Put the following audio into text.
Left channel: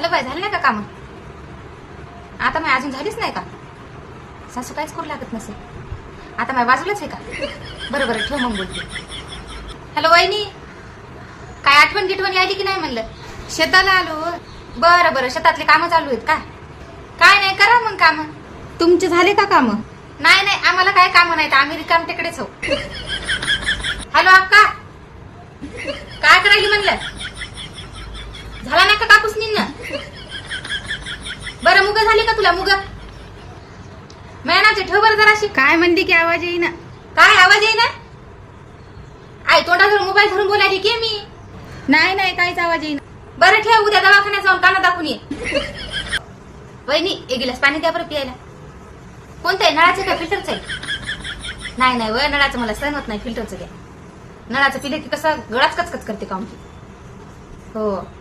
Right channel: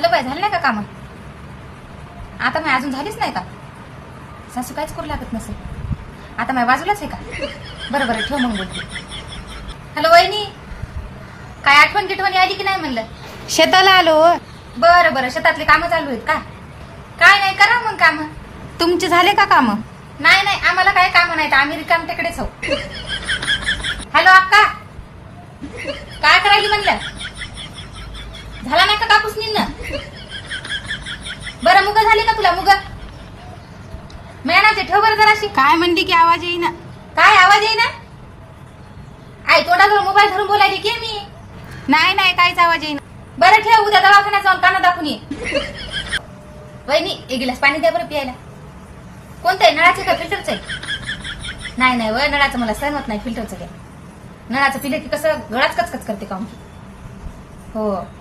Hello बाई, झालं नाही का काम? आता मी अजून झालीच नाही का? सासू काहीच करू लागत नसेल. आता माझ्या बाजूलाच आहे का? बरं बरं, ठेव मग बोलते. हॅलो वहिनी, काय आठवण गिठवणी आली की नाही म्हणलं? शेताला आलो. बरं बरं, शेतातले कामं चालू आहेत का? काय नाही, करा मग काम. तुमचे झाले का काम? नाही नाही, आम्हाला काय कामं नाहीत, आम्ही रिकाम तिकडेच हो. हॅलो अक्का, काय करायली म्हणलं? झाला नाही का कापूस निघणं? बरं, मुग झाली का तुला? मुग मेनाचे ठेव बरं जराशी. काय म्हणली की आवाज येईना? काय आवाज येईना? आई तोंडावर मोबाईल धरून बोलायची की मी? नाही नाही, काहीच आवाज येईना. बरं ठेव, उद्या दवाखान्यात जाऊन काना दाखवून ये. वहिनी, एक गिलास पाणी द्या बरं प्यायला. कोणतं आहे, नळाचं का फिल्टरचं आहे? नाही नाही व, नळाचं मला सहन होत नाही, फिल्टरचं द्या. नळाचं पिलं की कसं गळाच कचकच करते काम. हो.